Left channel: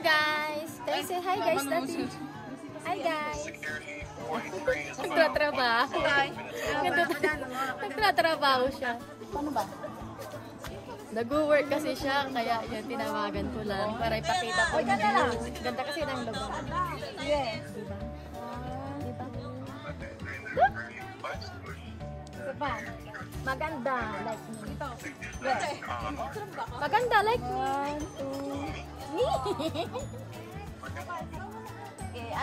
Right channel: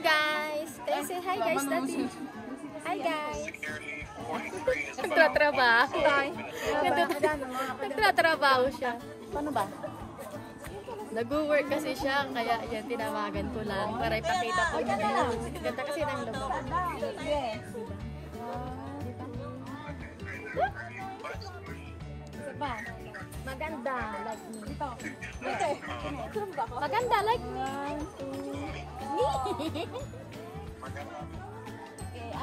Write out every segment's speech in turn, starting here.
guys! Can you say hi guys, Daddy? Hi guys! Nagtatrabaho. Nagtatrabaho siya. Ano ba? Nag-work kasi siya, kaya yan, tinawagan ko lang para ipakita ko yung view. Ganda kasi ng lugar. Yes. Diba? Diba? Isa pa. Maganda, like me. Yes. Maganda, like me.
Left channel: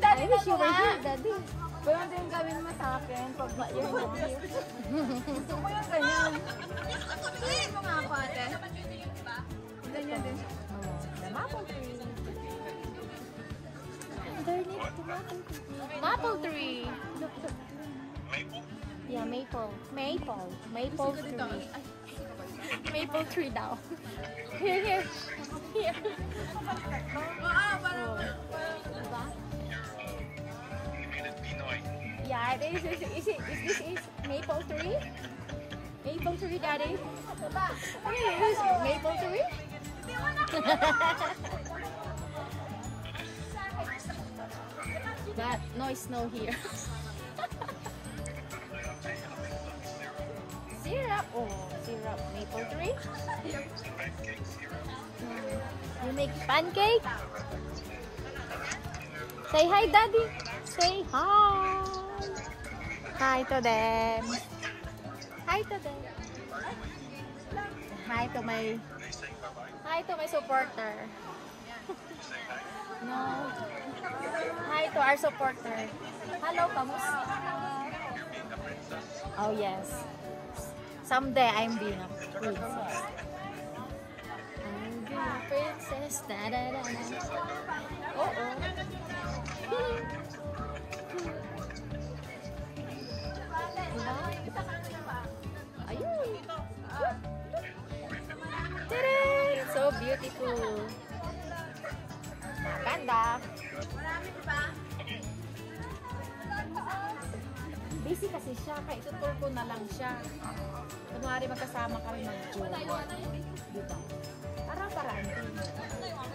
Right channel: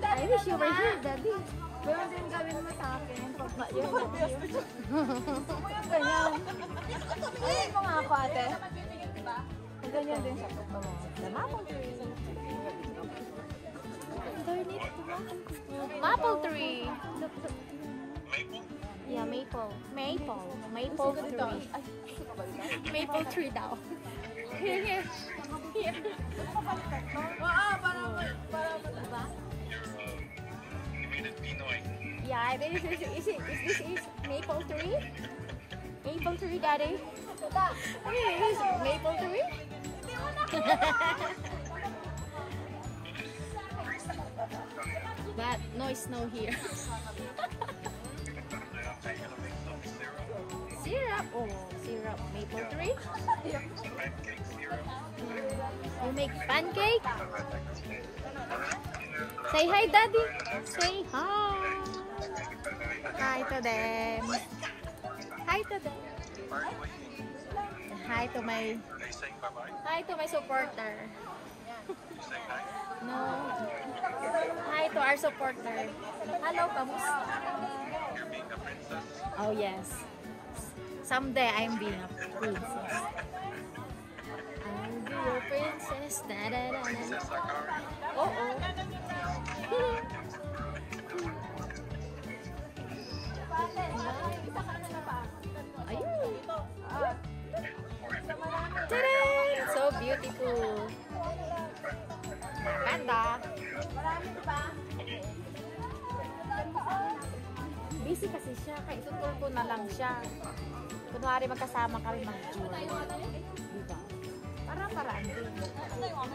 I wish you were here, Daddy. Ganun din gawin mo sa akin pag you're not here. Gusto ko yung ganyan. Ayun mo nga ako, ate. Ganyan din siya. The maple tree. Underneath the maple tree. Maple tree. Look, look. Maple? Yeah, maple. Maple. Maple tree. Maple tree daw. Here, here. Here. Diba? You made it Pinoy. Yeah, this is maple tree? Maple tree, Daddy? Okay, this is maple tree? But no snow here. Syrup? Oh, syrup. Maple tree? Pancake syrup. You make pancake? Say hi, Daddy. Say hi. Hi to them. Hi to them. Hi to my. Are you saying bye-bye? Hi to my supporter. You saying hi? No. Hi to our supporter. Hello, kamusta? You're being a princess? Oh yes. Someday I'm being a princess. I'll be your princess. Da da da da. Princess Akari? Oh oh. Ayun. Tadaan! So beautiful. Ganda. Busy kasi siya. Kaya itutur ko na lang siya. Kunwari magkasama kami mag-tour. Diba? Para-paraan din.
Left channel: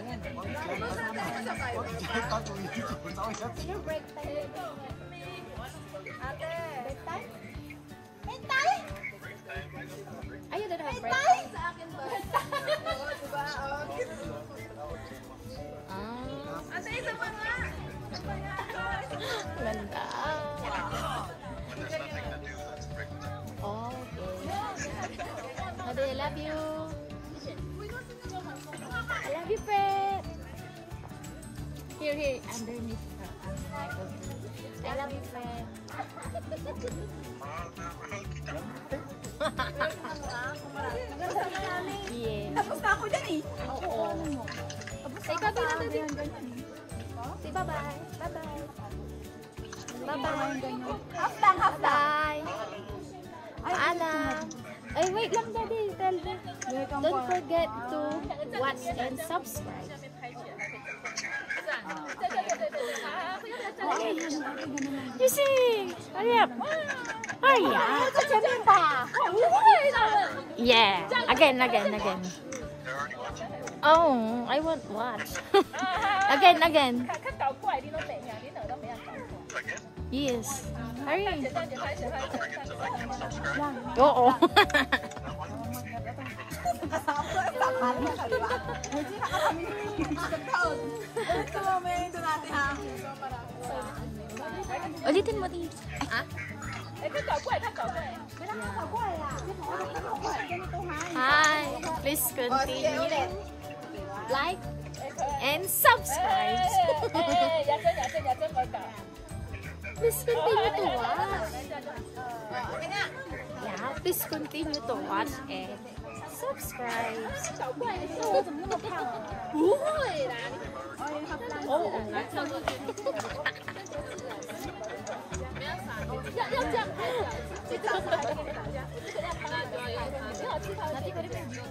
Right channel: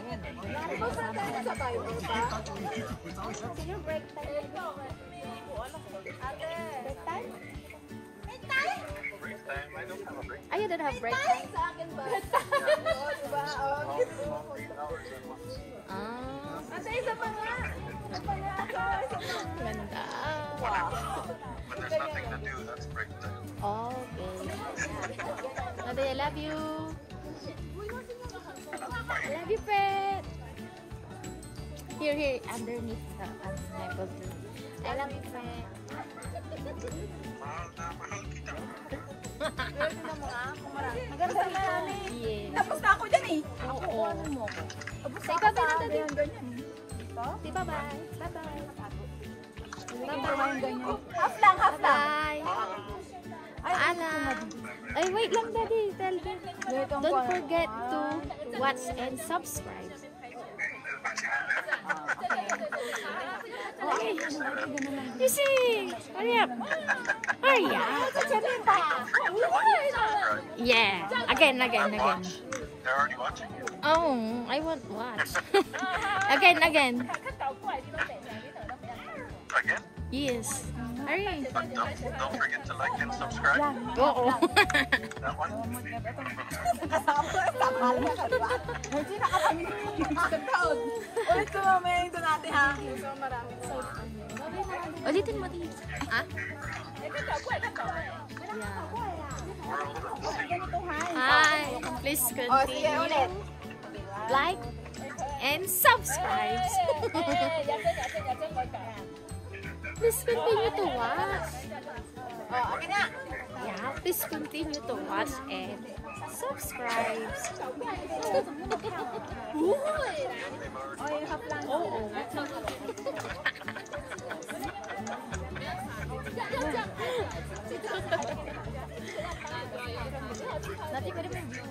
Ayan. Kunwari magkasama kami mag-tour. Sino break time dito? Ate! Break time? Break time? I don't have a break time. Ay, you don't have break time? Sa akin ba? Ah. Ate, isa pa nga. Ganda. When there's nothing to do, that's break time. Okay. Nade, I love you. I love you, Fred. Here, here, underneath the maple tree. I love you, Fred. Mahal na mahal kita. Yeah. Tapos na ako dyan eh. Oo. Say bye-bye na, Daddy. Say bye-bye. Bye-bye. Bye-bye. Half lang, half lang. Bye-bye. Paalam. Ay, wait lang, Daddy. Tell them. Don't forget to watch and subscribe. You sing. Hurry up. Hurry up. Don't forget to like and subscribe. Yeah. Again. Watch. They're already watching you. Oh, I won't watch. Again. Again? Yes. Hurry. But don't forget to like and subscribe. Oo. That one? Ito mamaya ito natin ha. Ulitin mo din. Ah? Yeah. World of singing. Hi. Please continue. Like and subscribe. Please continue to watch. Yeah, please continue to watch and subscribe. They've already watched. Oo. Nanti ko rin may view.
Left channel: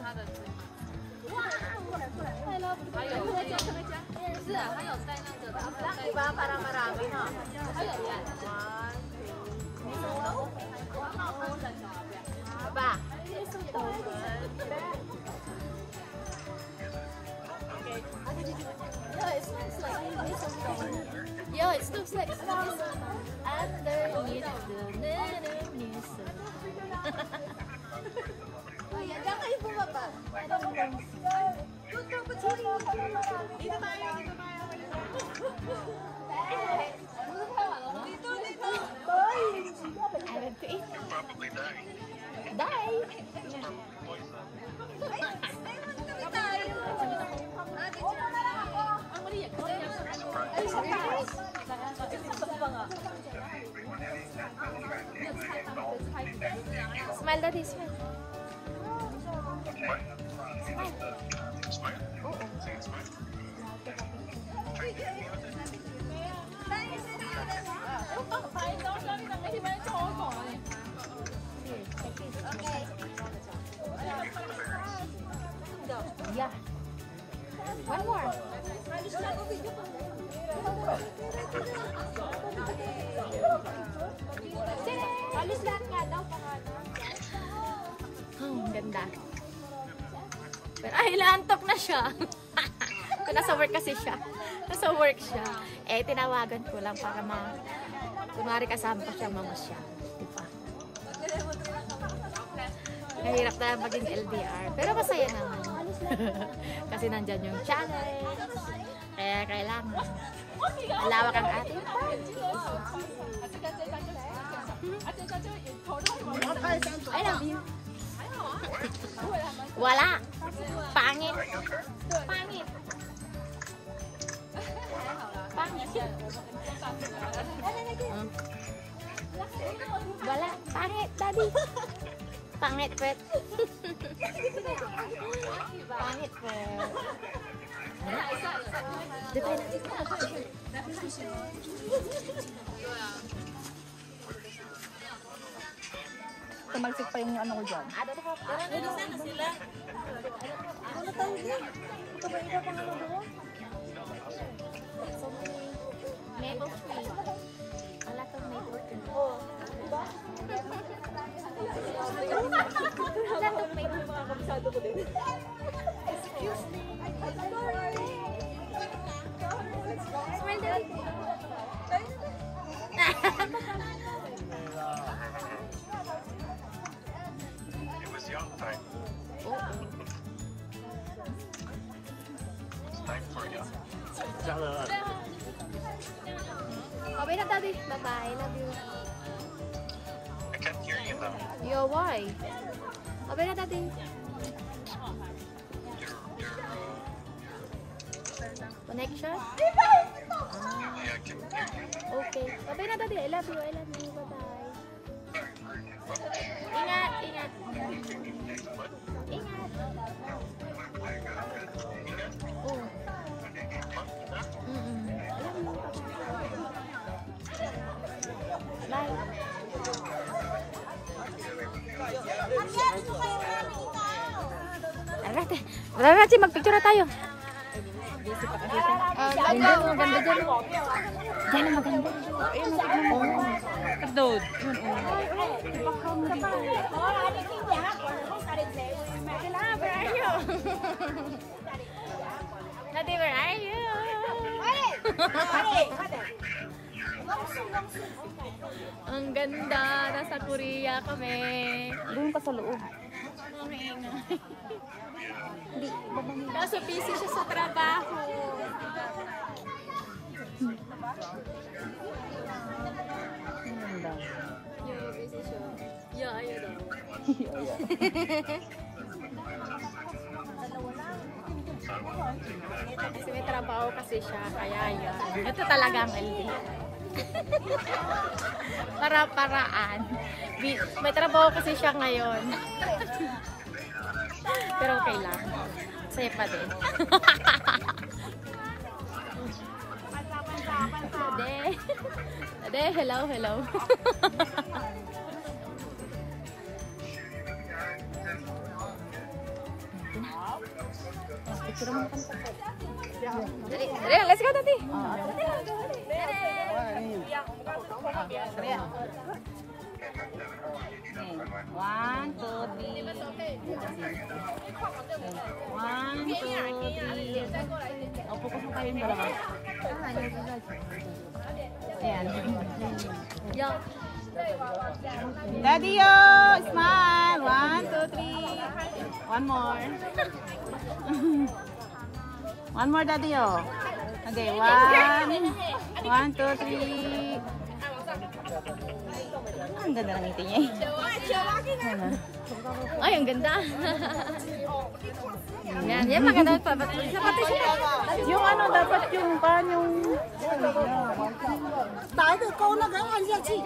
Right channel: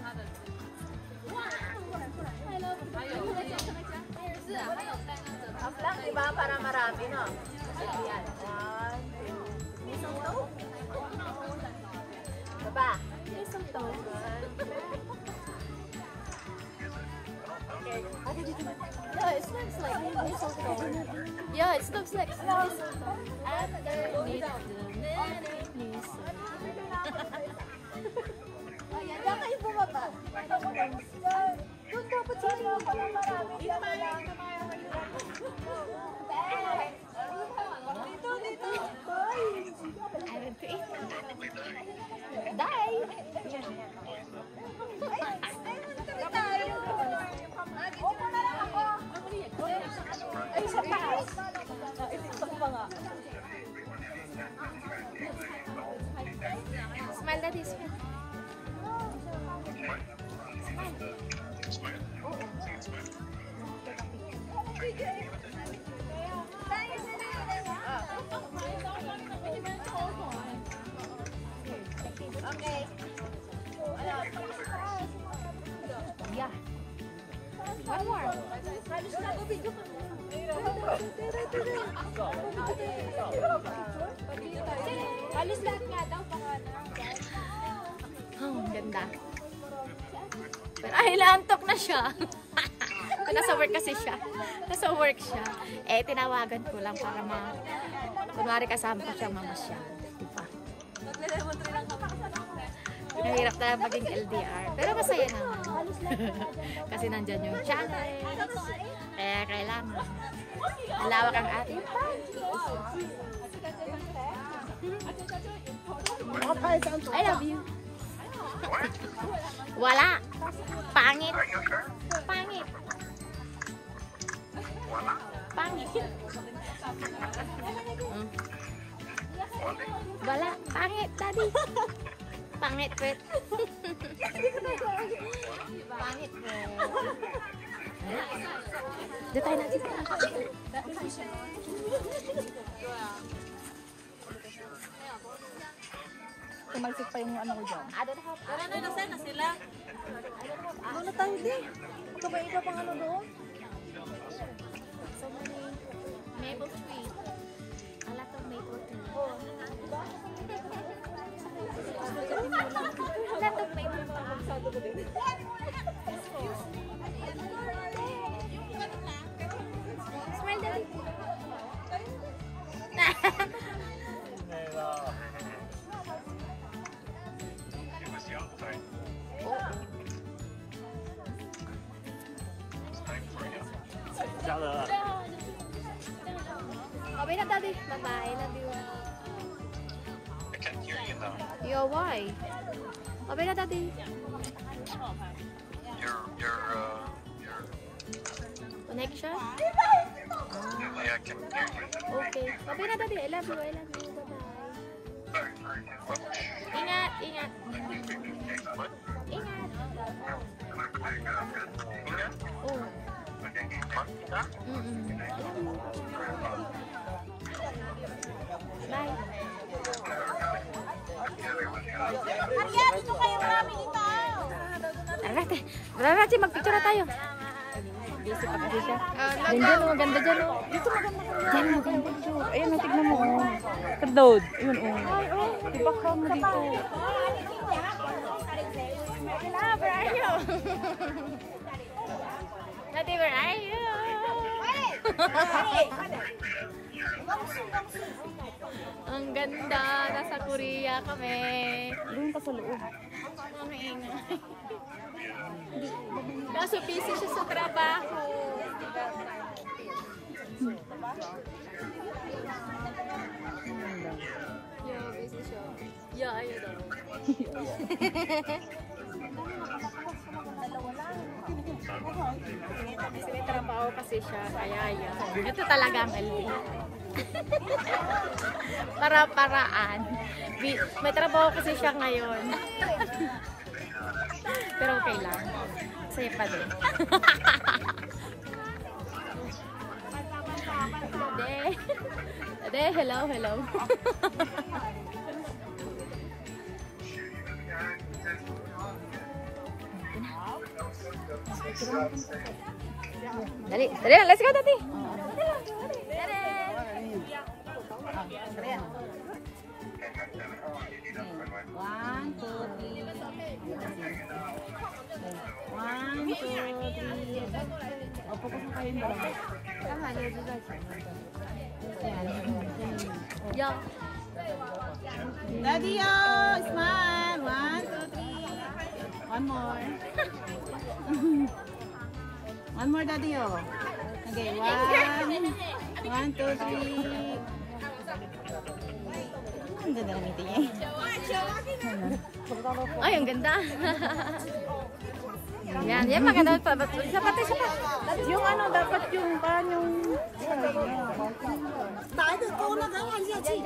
Wow! I love the view. Diba? Para marami na. May santo? Ba? May santo. Is it? I don't even know what it is. No, it's mistletoe. Yeah, it looks like mistletoe. Underneath the mistletoe. Kuya, diyan kayo bumaba. Parang lang. Doon dapat sili. I want to eat. Probably die. Die! Smile daddy, smile. Smile. Smile. Oo. Say smile. Here, take it. Yeah. One more. Oh, ang ganda. Pero ay, naantok na siya. Kung nasa work kasi siya. Nasa work siya. Eh, tinawagan ko lang para kunwari kasama ko siya mamasyal. Diba? Nahirap na maging LDR. Pero masaya naman. Kasi nandyan yung challenge. Kaya kailangan malawak ang ating pag-iisip. I love you. Wala. Pangit. Pangit. Pangit. Wala. Pangit, daddy. Pangit, pet. Pangit, pet. Dito tayo natin. Tumalsik pa yung ano ko dyan. I don't have na sila. Ano tayo din? Kumain ka pang ano doon? so many maple tree. A lot of maple tree. A lot of maple tree. Smile, daddy. It was young time. Oo. It's time for young. Okay na, daddy. Bye-bye. Love you. I can't hear you now. Yo, why? Okay na, daddy. Your Connection? yeah, I can hear you. Okay. Okay na, daddy. I love you. I love you. Bye-bye. Ingat, ingat. What? Ingat. Ingat? Oh. What? Ingat? I love you. Bye-bye. Bye. Tara natin. Wala na natin. Mag-picture na tayo. Busy pa kasi siya. Ganda no. Ganda dyan no. Diyan maganda. Ayun, tignan mo. Kadod. Ay, oh. Ate Love, where are you? Ate, where are you? Ang ganda. Nasa Korea kami. Doon pa sa loob. Ang ingay. Kaso busy siya sa trabaho. Yo, busy siya. Yeah, ayun daw. Kasi may trabaho kasi siya, kaya yan. Ito talaga ang LD. Para-paraan. May trabaho kasi siya ngayon. Pero okay lang. Saya pa din. Dade. Dade, hello, hello. Dali, dali, let's go, Dati. Dali lang, dali. Dali. Dali. 1, 2, 3. 1, 1, 2, 3. O, focus mo kayong dalawa. Ayan. Yo. Daddy, yo! Smile! 1, 2, 3. One more. One more, Daddy, yo. Okay, 1, 2, 3. Ang ganda ng ngiti niya. Ay, ang ganda. Yan, yan maganda pa. Isa pati siya. Yung ano, dapat yung kanyang... Dahil ko na ganyan siya, Chi.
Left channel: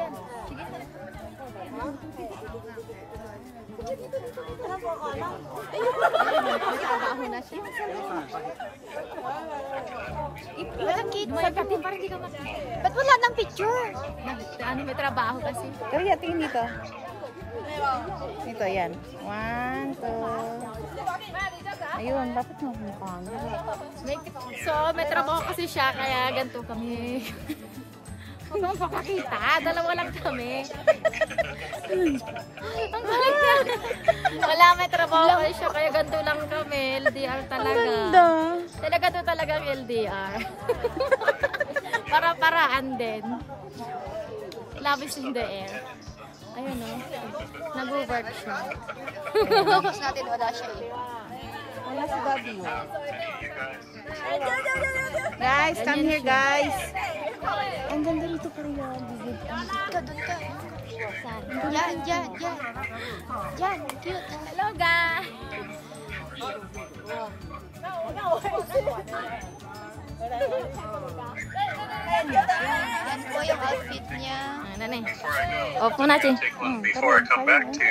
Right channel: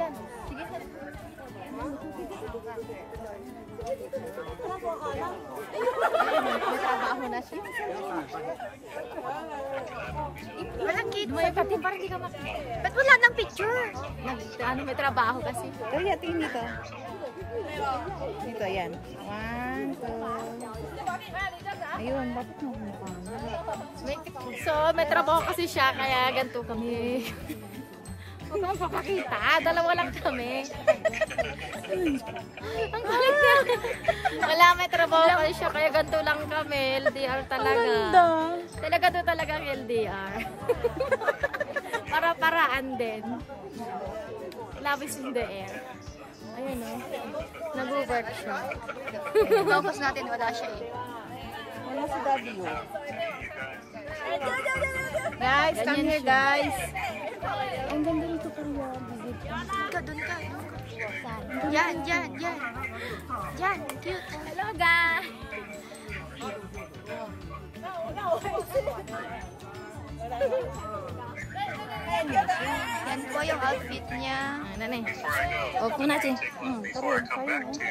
May trabaho na siya. May pati parang hindi ka makita. Ba't wala ng picture? Ano, may trabaho kasi. Kaya tingin dito. Dito, yan. 1, 2. Ayun, dapat mo paano. May trabaho kasi siya, kaya ganito kami. Huwag kang papakita, dalawa lang kami. Ang galing niya. Wala, may trabaho kasi siya, kaya ganito lang kami. LDR talaga. Talaga to talagang LDR. Para-paraan din. Love is in the air. Ayun o. Nag-work siya. Focus natin, wala siya eh. Guys, come Ganyan here, siya. guys. Ang ganda rito pero yun. Doon ka. Saan? Yan. Yan, cute. Hello, guys. Yan po yung outfit niya. Nanay. Before I go, Opo natin. take one before I come back to